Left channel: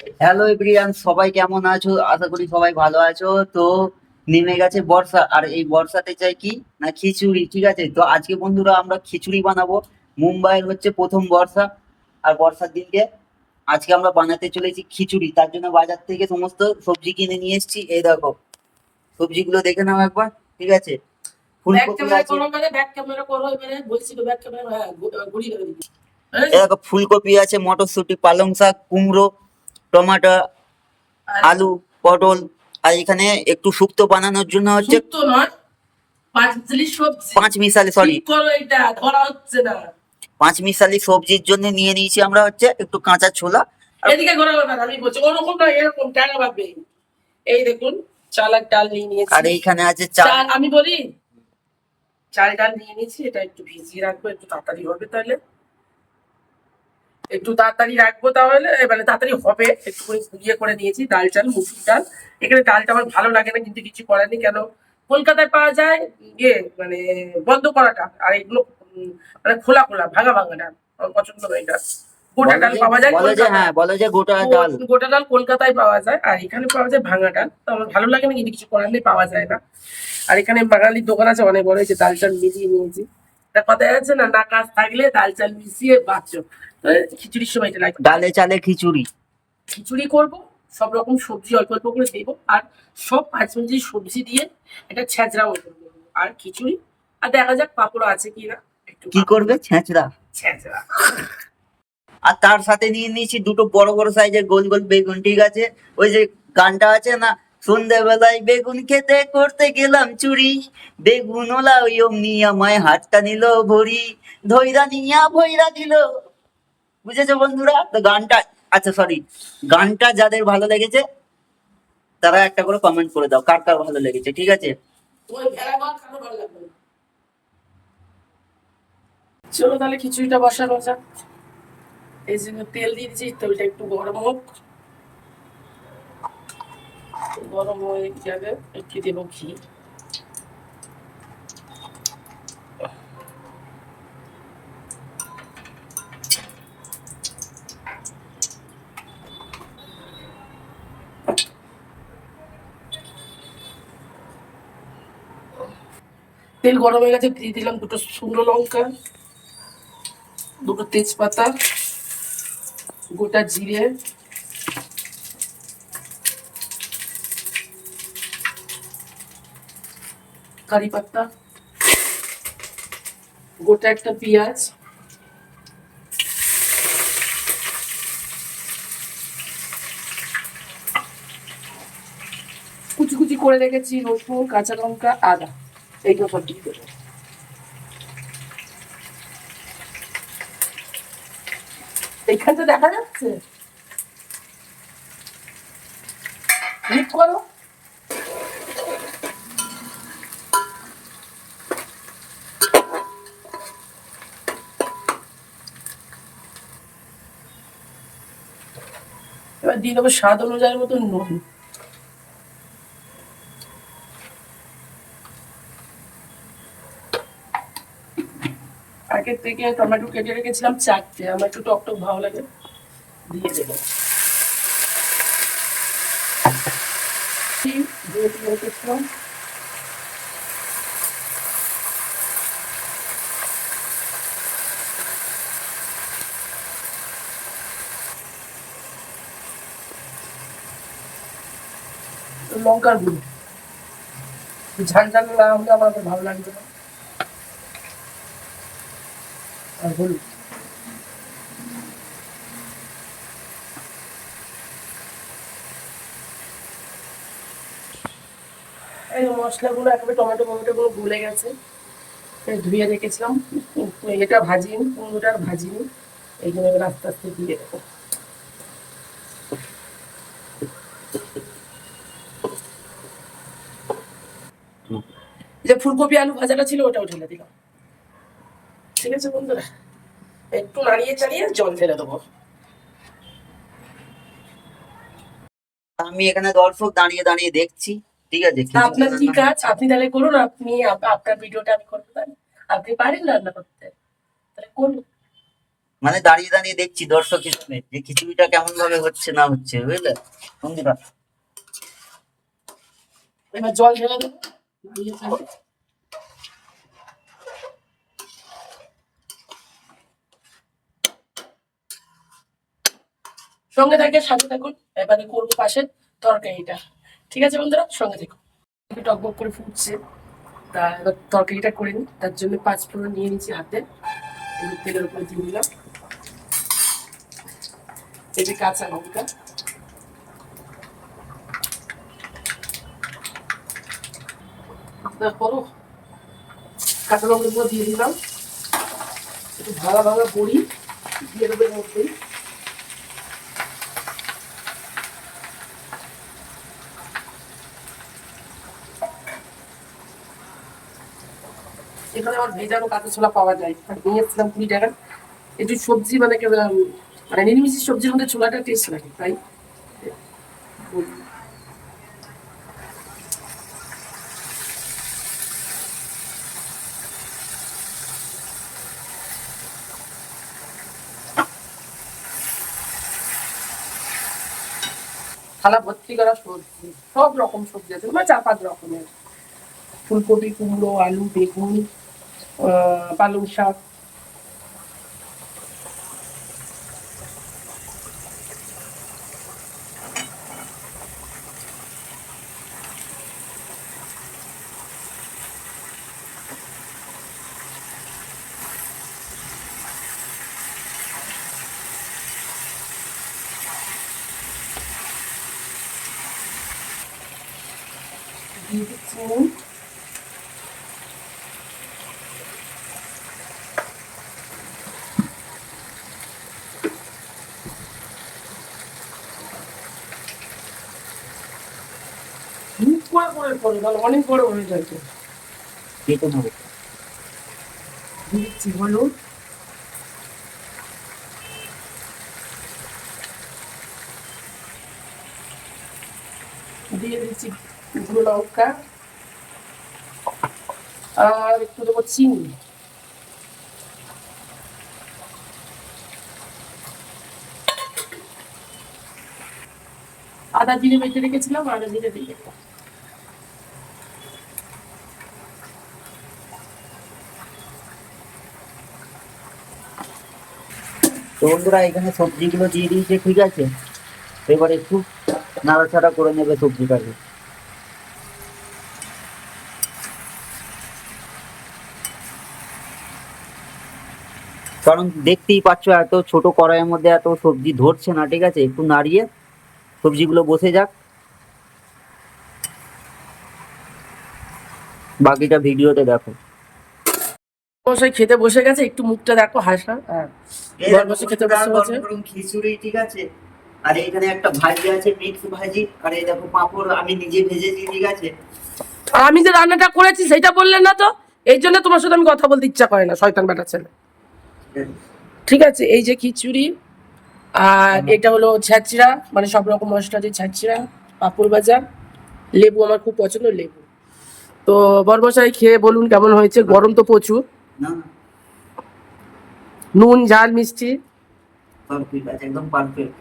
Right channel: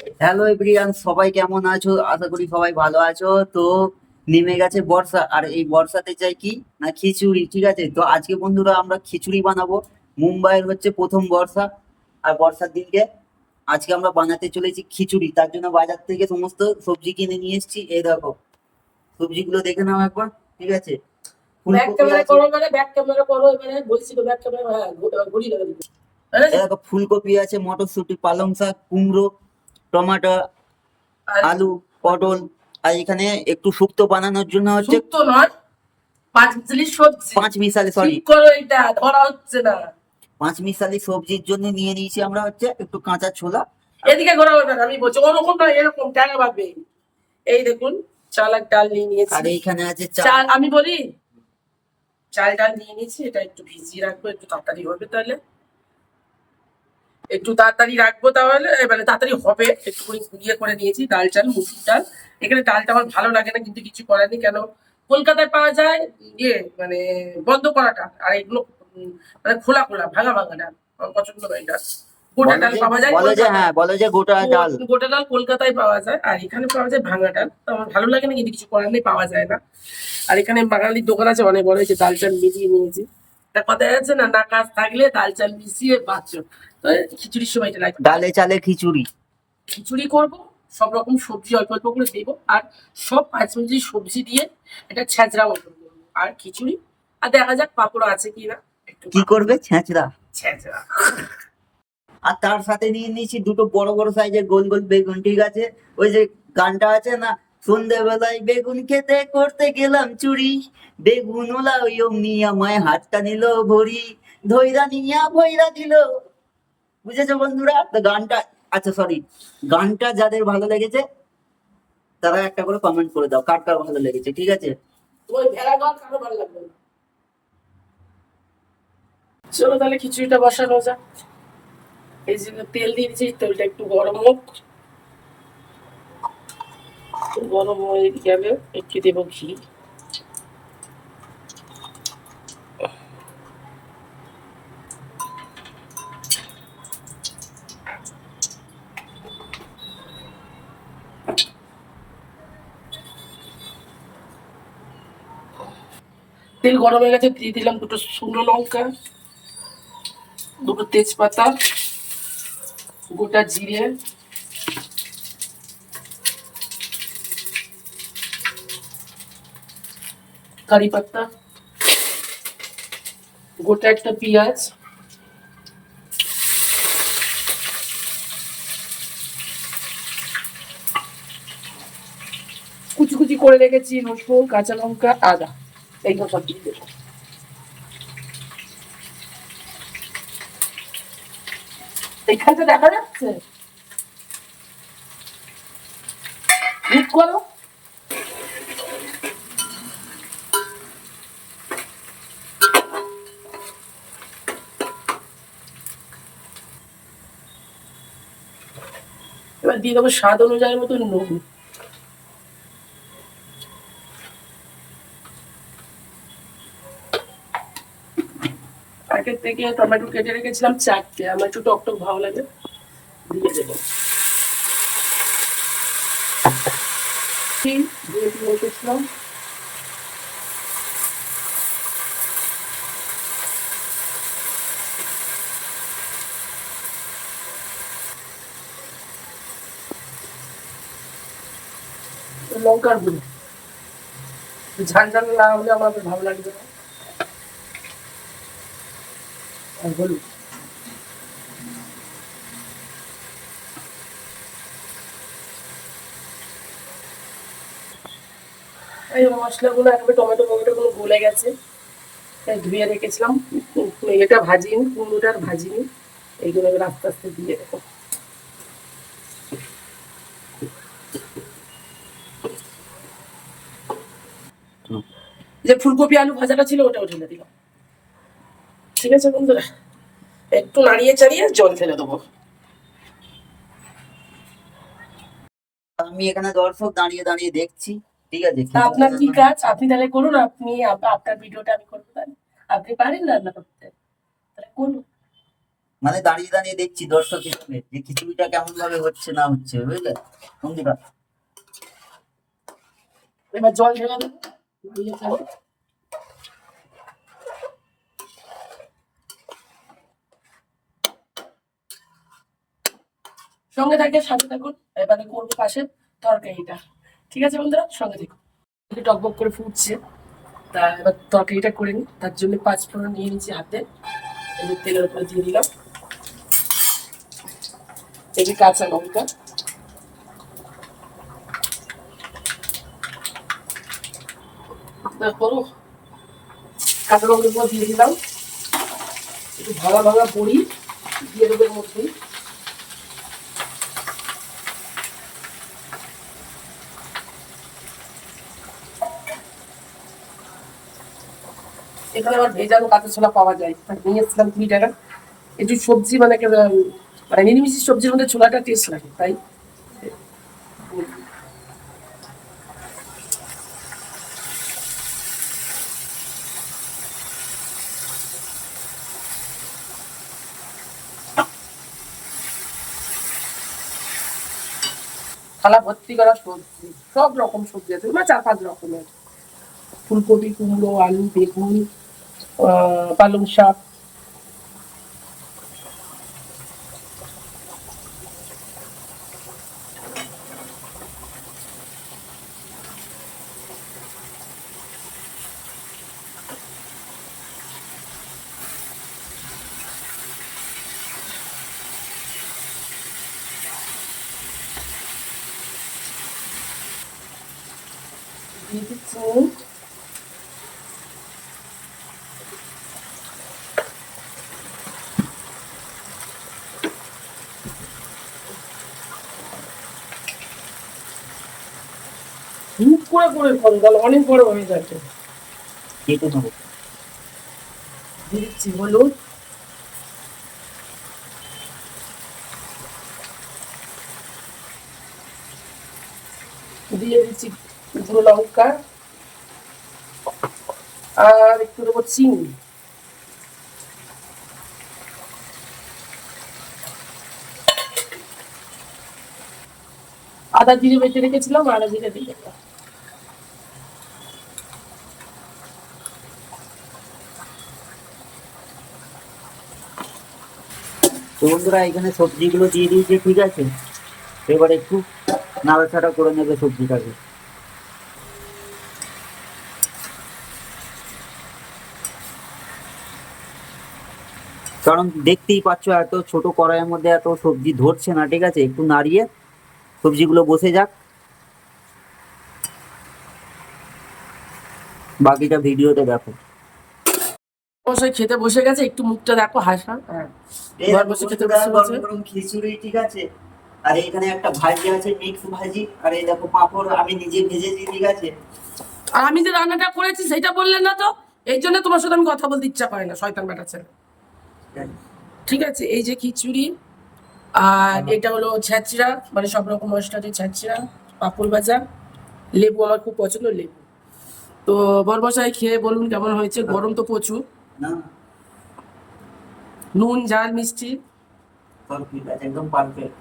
Hello everyone সবাই কেমন আছো? আশা করি সবাই ভালো আছো। তো নেমে গেছে বর্ষা। আর এই বর্ষাতে চাই কি? না খিচুড়ি ঠিক আছে? তো আজকে বন্ধুরা আমরা খিচুড়ি বানাবো। মুম্বাইয়ের হচ্ছে প্রথম বর্ষা। আর বর্ষার দিনকে আজকে আমরা বানাতে চলেছি খিচুড়ি। তার জন্য বাজার থেকে সমস্ত সবজি কিনে নিয়ে এসেছি। এই দেখো সবজিগুলো দেখে নাও একবার ঠিক আছে? মানে ক্যামেরা হ্যাঁ ফুলকপি আছে মটরশুঁটি পালং শাক কুমড়ো টমাটো আলু পটল আর এখানে একটু শুক্তো বানানোর জন্য হচ্ছে শুক্তো নয় পাঁচ মিশালি সবজি। পাঁচ মিশালি সরি এটা ধরা হচ্ছে না। পাঁচ মিশালি সবজির জন্য নিয়ে নিয়েছি আমরা হচ্ছে একটু কাঁচা ছোলা। এদিকে ঘোরা হবে আমি বলছি ওরকম না এরকম টাকা পাবে এই দেখুন চাল আর ডাল নিয়ে নিয়েছি। আর এইখানে আছে চাল। চাল আমি বলি চাল ডাল নিয়ে নিয়েছি এটা একটু ভিজিয়ে রাখব একটু তাড়াতাড়ি হবে তাহলে। একটু তাড়াতাড়ি রাখব তাহলে মানে তাড়াতাড়ি হবে। একটু করে গুঁড়িয়ে করে নিয়েছি ডাল চাল মুসুর ডাল। এখানে ডালটা আমার ভালো লাগে না কিন্তু কিছু করার নেই। কেন? কলকাতায় পাওয়া যায় ইয়ে মানে বন্ধ করাটা। আর এগুলো মানে খোলা খোলা ভাঙা ভাঙা ডাল। আমার পছন্দ নয় ডাল। গোটা ডাল পাওয়া যায় বলে যে হ্যাঁ বলে যে গোটা ডাল। গোটা ডাল কলকাতায় পাওয়া যায় আর এখানে পাওয়া যায় ভাঙা ডাল। তো আমার ভালো লাগে না কিন্তু কিছু করার নেই পাওয়া যায় না। আর এখানে বাঙালির দোকান আছে অনেক বড় হয়েছে ডাল চাল মিলিয়ে নিয়েছি। একটা কথা আছে না না কাজ থাকলে ডাল চাল মিশিয়ে বাঁচো। তো খিচুড়ির সময় এটা লাগবে ডালে চালে খিচুড়ি। খিচুড়ি করব সব রকম সবজি অল্প অল্প করে দেবো আর সব পাঁচ মিনিট সবজি দিয়ে একটা ছেঁচড়া মতন করব আর খিচুড়ি আর দেখা যাক পাঁপড় আছে কিনা। একটু কি করবে? ছেঁচড়া। ছেঁচড়া। আর তার সাথে নিয়ে নিয়েছি দুটো বড় বড় সাইজের গোল গোল বেগুন ঠিক আছে? ওই যে গানটা আছে না সন্ধ্যেবেলায় বেগুন খেতে করতে গেলাম চুরি। বেগুন ওলা ওই আমায় হাতটা নিল ভরি। ধৈরা নিয়া ভৈরা দিল। বুঝেছ বন্ধুরা? তো গানটা আচ্ছা সরি গানটা যাদের ভালো লেগেছে, তারা একটা করে কমেন্ট করে দাও, কার কার ভালো লেগেছে, ঠিক আছে? চলো তাহলে খিচুড়িটা বসানো যাক। এই জন্য তেল দিয়ে দিচ্ছি তেলটা একটু গরম হোক। গরম হয়ে গেলে একটু দেবো ঘি তেল গরম হয়ে গেছে, দিয়ে দিলাম দুটো শুকনো লঙ্কা, দুটো তেজপাতা, গোটা জিরে কারি পাতা গোটা একটা পেঁয়াজ কুচি কুচি করে রেখেছি, রসুন, কাঁচা লঙ্কা, আদা, এইগুলো সব দিয়ে দেবো। এখানটা দেখা যাচ্ছে? ক্লিক করো। দিয়ে দেবো স্বাদ অনুযায়ী মতো নুন আগের থেকে টমেটো কেটে রেখেছিলাম চারটে, আমার একটু টক টক ভালো লাগে, দিয়ে দেবো। দিয়ে লঙ্কার গুঁড়ো। ঝাল ঝাল না হলে ভালো লাগবে না। আর হলুদ এই মশলাগুলো একেবারে টমেটো টমেটো গুলো গেছে। ধুয়ে রেখেছিলাম। এটা ভাজিনি, কুমড়োটা আর ভাজিনি। এইগুলো আস্তে আস্তে দিয়ে দেবো। যে ফুলকপি আলু ভাজাটা ছিল ওটাও ঢেলে দিলাম। ঠিক আছে বন্ধুরা? একটু নাড়িয়ে চাড়িয়ে জল ফেলে দেবো। আমি এখানে দর্শক দাঁড়িয়ে দাঁড়িয়ে দেখছি ঠিক আছে? আপনার কি কাজ? আপনি তাহলে করুন আপনি আপনার ভিডিওটা আমি করতে পারি। আপনি পারেন রান্না করতে। তাহলে করুন। মানে দাঁড়িয়ে দাঁড়িয়ে দেখছি দর্শক হিসেবে যে খিচুড়িটা কেমন ভাবে হচ্ছে না হচ্ছে বুঝলে? বন্ধুরা। এবার জল ঢেলে দেবো। সঙ্গে থাকে সাথে থাকুন। এবারে করব পাশে তরকারিটা। ঠিক আছে বন্ধুরা? সঙ্গে একটু টকবক করে ফুটছে। তা এবার তরকারিটা করে নিই। তার জন্য পাঁচ ফোড়ন নিয়ে নিচ্ছি হাতে। এবার তেলের উপর দিয়ে দিলাম। যে কাঁচা লঙ্কা। গুঁড়ো দিয়ে দিলাম। একটু ভাঙা ভাঙা বড়ি দিয়ে দেবে মধ্যেই এখানে আমার ভেজানো কাঁচা ছোলা পাওয়া যায়। নিয়ে এসেছিলাম কুড়ি টাকা। একটু সবজি মানে মানে নিরামিষ সবজির মধ্যে ছোলাটা টেস্ট লাগে, তাই? থালা ভর্তি করা সবজি, সব রকম সবজি আছে মানে চার পাঁচ রকমের। ফুলকপি, কুমড়ো, আলু, বেগুন পালং শাক দিয়ে দিচ্ছি অনেক বড় হয়ে যাবে কেটে নেব দিচ্ছি দিয়ে দিচ্ছি আর একটু দেবো চিনি আদা জিরে বেটে রেখেছিলাম আদা জিরে দিয়ে বন্ধুরা, এখানে সবজিগুলো দিয়ে দিয়েছে, ঠিক আছে? এবার একটু নাড়াচাড়া করে নেবে সবজিটাকে। কারণ দেখতেই পাচ্ছ এত ছোট কড়াইয়ের মধ্যে এত সবজি ধরছে না ঠিক আছে? একটু নাড়িয়ে সবজিগুলো বসে যাক। বাকিটা ভিডিওতে দেখো। মশাই খেতে বসে গেছে একটু মুখটা দেখো হাসা। হ্যাঁ। ঘর বসে খেতে বসে গেছে। গরম খিচুড়ি ঠিক আছে? আর এখানে একটা ভাজি আছে মিক্স ভাজি। আর এই দেখো পাঁপড় আমি নিজে ভেজেছি ঠিক আছে? আর আমি যে রান্নাটা করেছি সেটা বললেন না তো? এই জন্য তোমার সাথে আমি কথা বলতে ইচ্ছা করে না শয়তান বেটা ছেলে। ঠিক আছে এই যে খিচুড়ি আর এটা হলো ছ্যাঁচড়া মানে সব রকম মশলা যে ছ্যাঁচড়া পাঁপড় ভাজা লেবু আমার খুব পছন্দ লেবু। তো বরবসাই খেয়ে বলুন কেমন হয়েছে গরম তো প্রচুর। নুন ঝাল মিষ্টি। একদম পারফেক্ট